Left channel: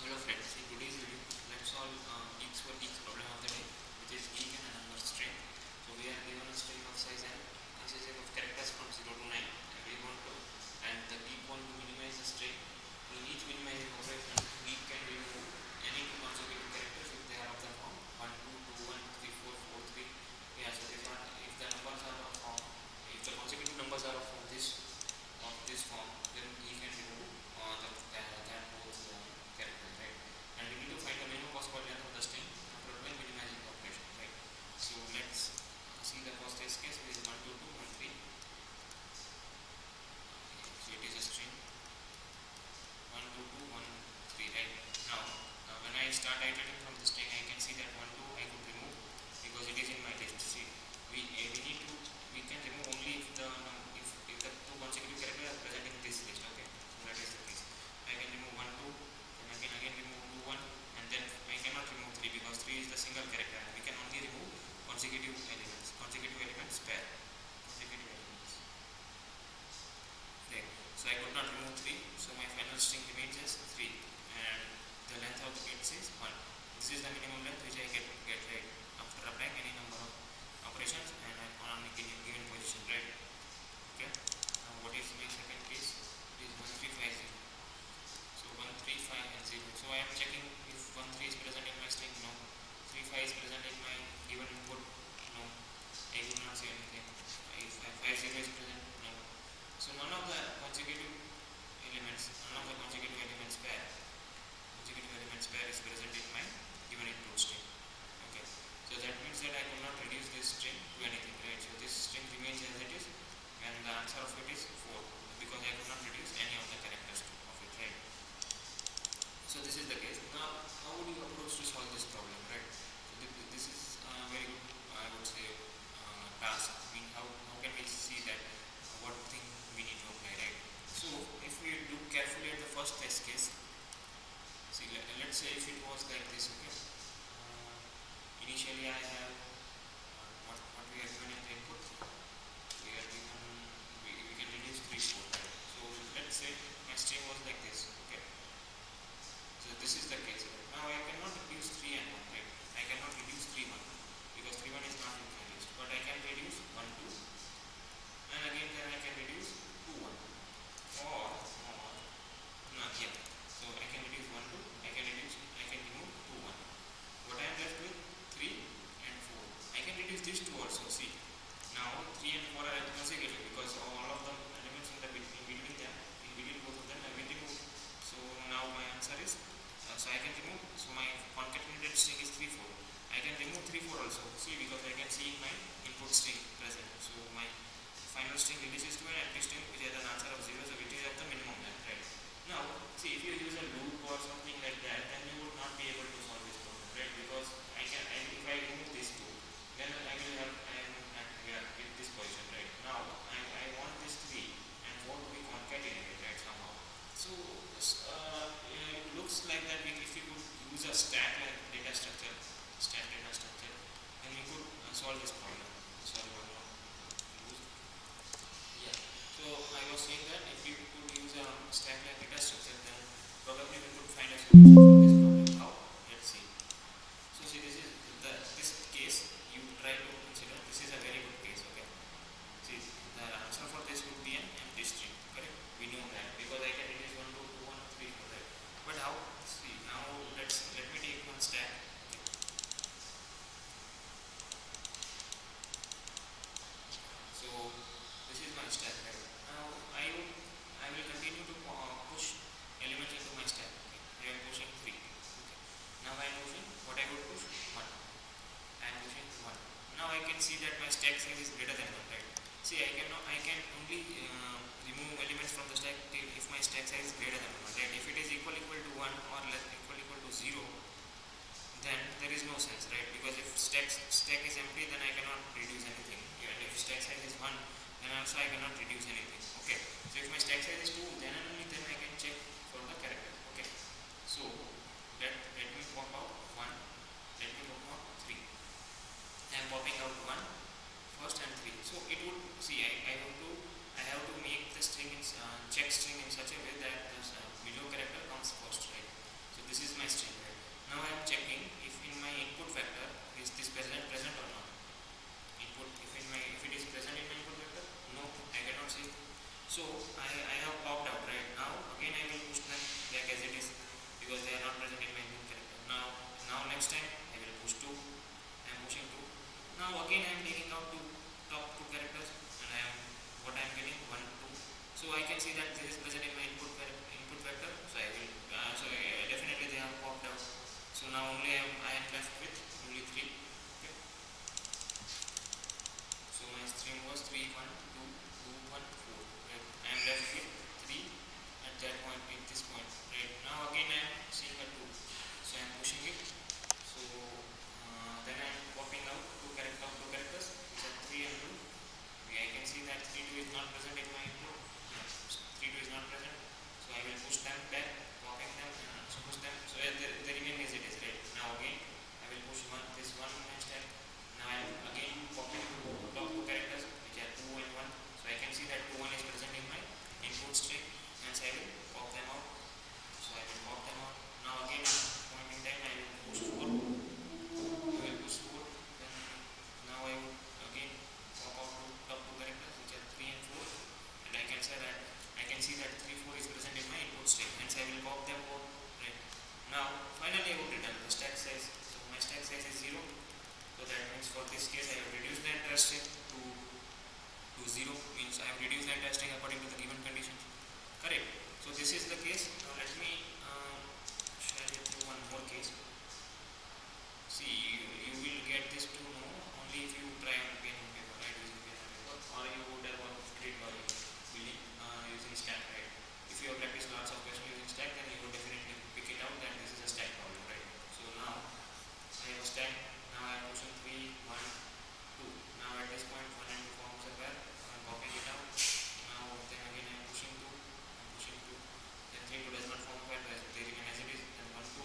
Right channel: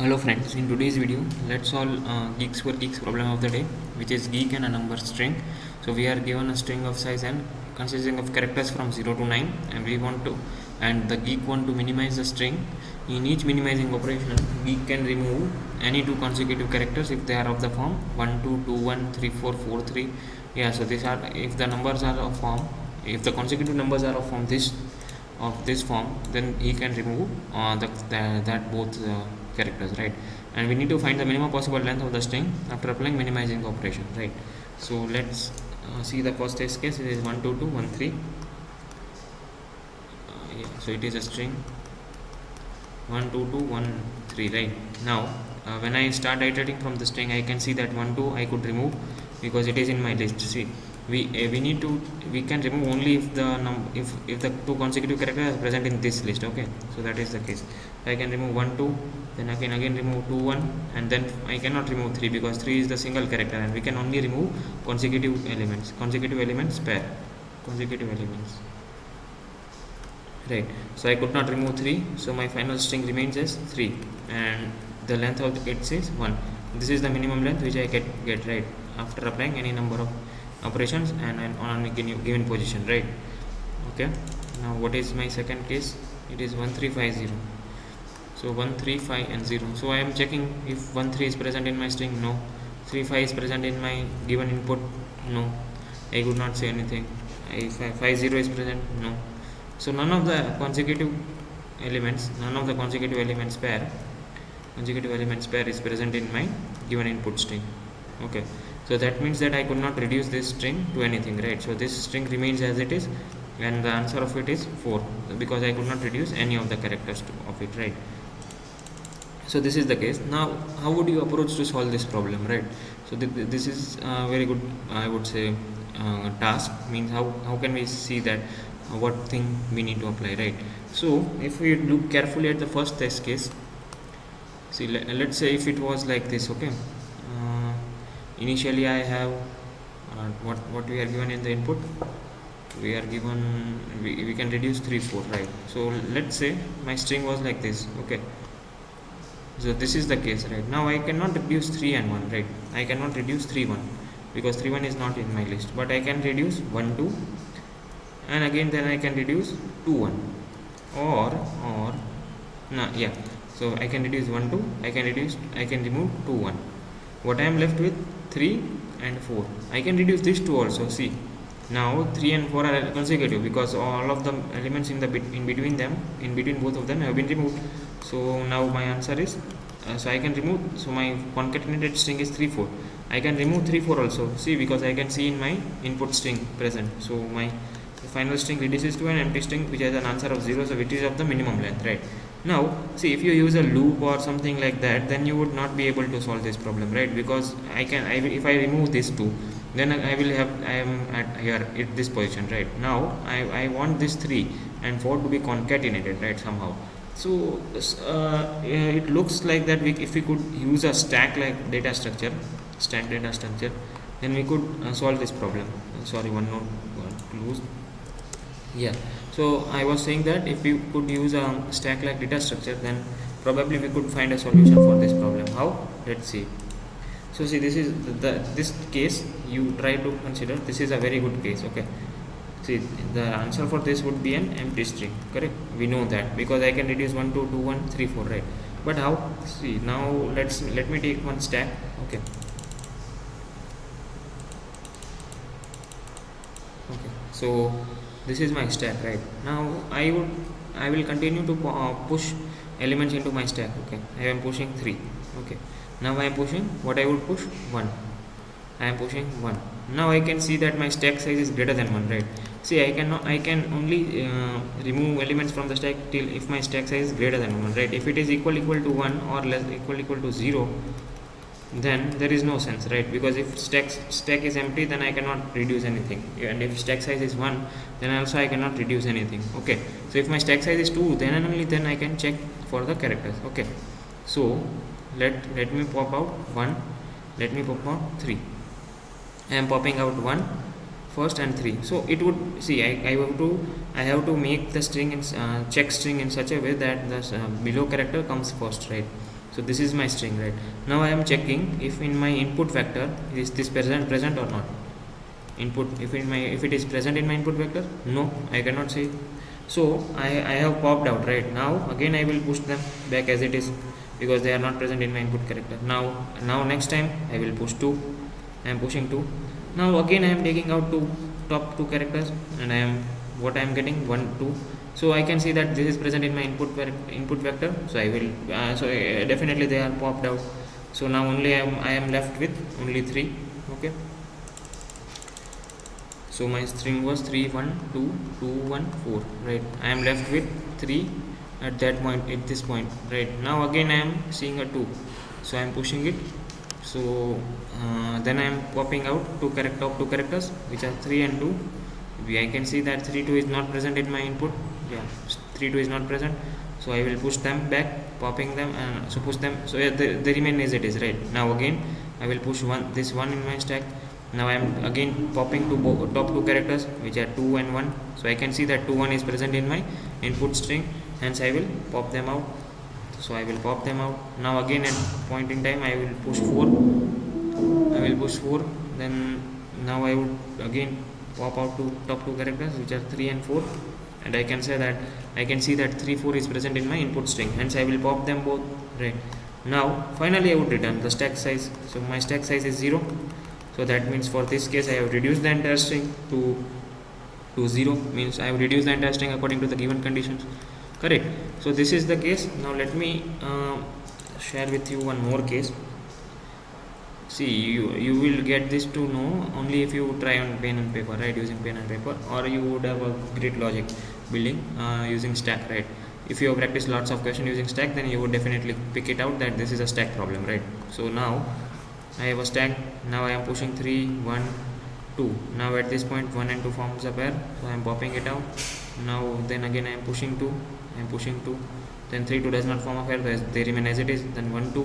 Hello friends, in today's video let's solve Geeks for Geeks problem of the day, which is geek and a number string. So we are given a string of size n consisting of characters from 0 to 9, and the geek want to minimize the string. In each minimizing operation, geek can remove any two consecutive characters if they are of the form 1 2 2 1 3 4 4 3. Yeah, so these are, if the numbers are of form, if the consecutive numbers are of this form, then he can remove that both characters, right? And we need to find the minimum possible length of the string after applying minimizing operation, right? So let's see the first test case. It is 1 2 2 1 3. Yeah, so it is a string 1 2 2 1 3, right? Now when I start iterating from the string, I can see that 1 2 I could remove because it is in my list. See, we can remove only if the two consecutive characters are present in this list. Okay, so that is the case. I can remove 1 2, then I can again remove 2 1, and then I cannot remove 3 because 3 is the single character, and we can only remove consecutive elements pair, consecutive elements, right? So I could not remove 3, so my final string remains as 3, and the length of it is 1. This is the minimum length which I get, right, after applying any number of operations and on a given position, right? Okay, now what is my second case? It is 1350. So 135 and 0. So I am checking if 13 is present in my string. No. 35 is present in my given input. No, I could not say anything. If 50 is present. No. So none of the consecutive elements pair is present in my given input string. Okay, so that means that I could not reduce this string to anything, right? So this string remains as it is, and the answer of it is 4 because I could not reduce any of the characters of it, right? So this is the case. Now how would you approach to solve this problem, right? So this is a very good, I would say, task. Means how can we see that what thing we need to apply, right? So if we look carefully at the first test case, see, let's say if it was like this. Okay, initially I have what we are given in the input. We are given, we can reduce 3 4, right? So let's say my string was like this. Okay, so this is the case, right? Now I cannot reduce 3 and 1, right? I cannot reduce 3 1 because 3 1 is not in my list, but I can reduce 1 2, and again then I can reduce 2 1, or no, yeah, so I can reduce 1 2, I can remove 2 1. What I am left with 3 and 4. I can reduce this 2 also. See, now 3 and 4 are consecutive because all of the elements in between both of them have been removed. So now my answer is, so I can remove, so my concatenated string is 3 4. I can remove 3 4 also. See, because I can see in my input string present. So my final string reduces to an empty string which has an answer of 0, so which is of the minimum length, right? Now see, if you use a loop or something like that, then you would not be able to solve this problem, right? Because if I remove this 2, then I am at here at this position, right? Now I want this 3 and 4 to be concatenated, right, somehow. So it looks like that if we could use a stack data structure, then we could solve this problem. Sorry, one note close. Yeah, so I was saying that if we could use a stack like data structure, then probably we could find a solution for this problem. How? Let's see. So see, this is this case you try to consider. This is a very good case. Okay, see, the answer for this would be an empty string, correct? We know that because I can reduce 1 2 2 1 3 4, right? But how? See, now let me take one stack. Okay, so this is my stack, right? Now I will continue to push elements into my stack. Okay, I am pushing 3. Okay, now I am pushing, what I would push, 1. I am pushing 1. Now I can see that my stack size is greater than 1, right? See, I can only remove elements from the stack till if my stack size is greater than 1, right? If it is equal to 1 or less equal to 0, then there is no sense, right? Because if stack is empty, then I cannot reduce anything, and if stack size is 1, then also I cannot reduce anything. Okay, so if my stack size is 2, then and only then I can check for the characters. Okay, so let me pop out 1, let me pop out 3. I am popping out 1 first and 3. So it would, see, I have to make the string in check string in such a way that the below character comes first, right? So So this is my string, right? Now I am checking if in my input vector is this present or not. Input, if it is present in my input vector, no, I cannot see. So I have popped out, right? Now again I will push them back as it is, because they are not present in my input character. Now next time I will push 2. I am pushing 2. Now again I am taking out top 2 characters, and what I am getting 1 2. So I can see that this is present in my input vector. So I will definitely they are popped out. So now only I am left with only 3. Okay. So my string was 3 1 2 2 1 4, right? I am left with 3 at that point, at this point, right? Now again I am seeing a 2, so I am pushing it. So then I am popping out two characters which are 3 and 2. I can see that 3 2 is not present in my input. Yeah, 3 2 is not present. So I will push them back, popping them, and so push them. So yeah, they remain as it is, right? Now again I will push this one in my stack. Now I am again popping top 2 characters which are 2 and 1. So I can see that 2 1 is present in my input string, hence I will pop them out. So I will pop them out. Now again at point in time I will push 4. I will push 4. Then now I would again pop out top 2 characters which are 3 and 4, and I can see that 3 4 is present in my input string, hence I will pop them both, right? Now finally I would return the stack size. So my stack size is 0. So that means for this case I have reduced the entire string to 0, means I have reduced the entire string according to the given conditions, correct? So this is the case. Now let me share with you one more case. See, you will get this to know only if you try on pen and paper, right? Using pen and paper, or you would have a great logic building using stack, right? If you have practiced lots of questions using stack, then you would definitely pick it out that this is a stack problem, right? So now I have a stack. Now I am pushing 3 1 2. Now at this point 1 and 2 forms a pair, so I am popping it out. Now then again I am pushing 2. I am pushing 2. Then 3 2 does not form a pair, they remain as it is. Then 1 2.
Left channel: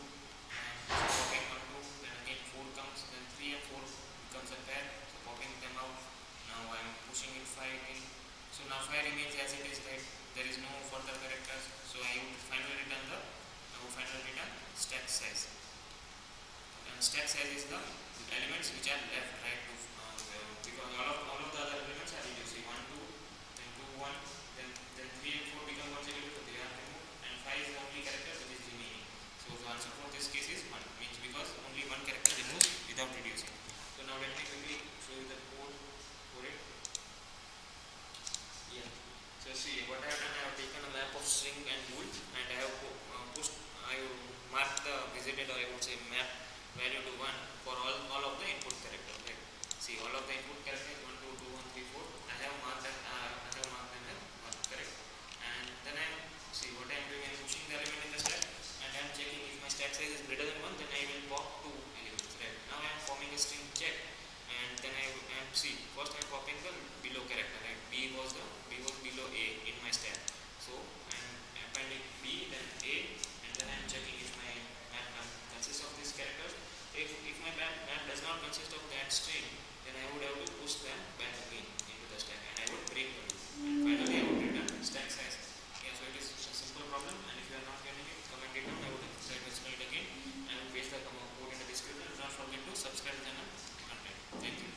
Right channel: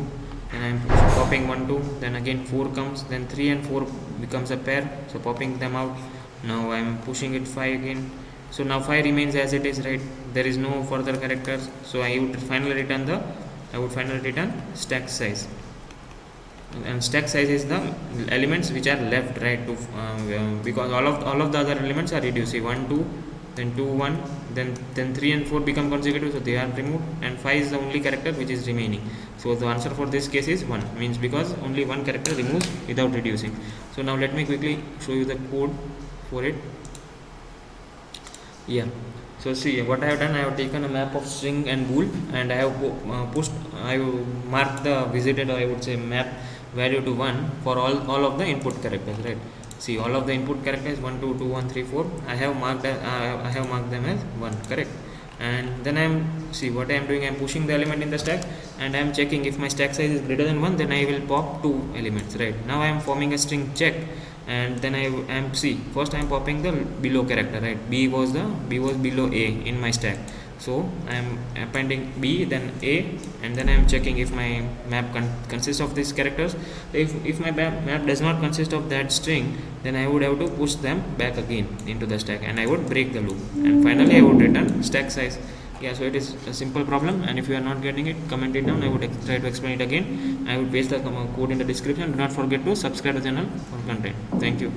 Then I am popping 1 2. Then again 4 comes. Then 3 and 4 becomes a pair, so popping them out. Now I am pushing it 5 again. So now 5 remains as it is, right? There is no further characters. So I would finally return stack size. And stack size is the elements which are left, right? Because all of the other elements are reduced. See, 1 2, then 2 1, then 3 and 4 become consecutive, so they are removed, and 5 is the only character which is remaining. So the answer for this case is 1, means because only one character removes without reducing. So now let me quickly show you the code for it. Yeah. So see what I have done. I have taken a map of string and bool, and I have I have marked the visited, or I would say map value to 1 for all of the input characters, right? See, all of the input characters 1 2 2 1 3 4 I have marked them as 1, correct? And then see what I am doing. I am pushing the element in the stack, and I am checking if my stack size is greater than 1, then I will pop 2 elements, right? Now I am forming a string check, and then I am first I am popping the below character, right? B was below A in my stack. So I am appending B, then A, and then I am checking if my map consists of these characters. If my map does not consist of that string, then I would have to push them back again into the stack, and I would break the loop, and finally I would return stack size. Yeah, so it is a simple problem, and if you are not getting it, comment it down. I would try to explain it again. I will paste the code in the description. Do not forget to subscribe to the channel for content. Thank you.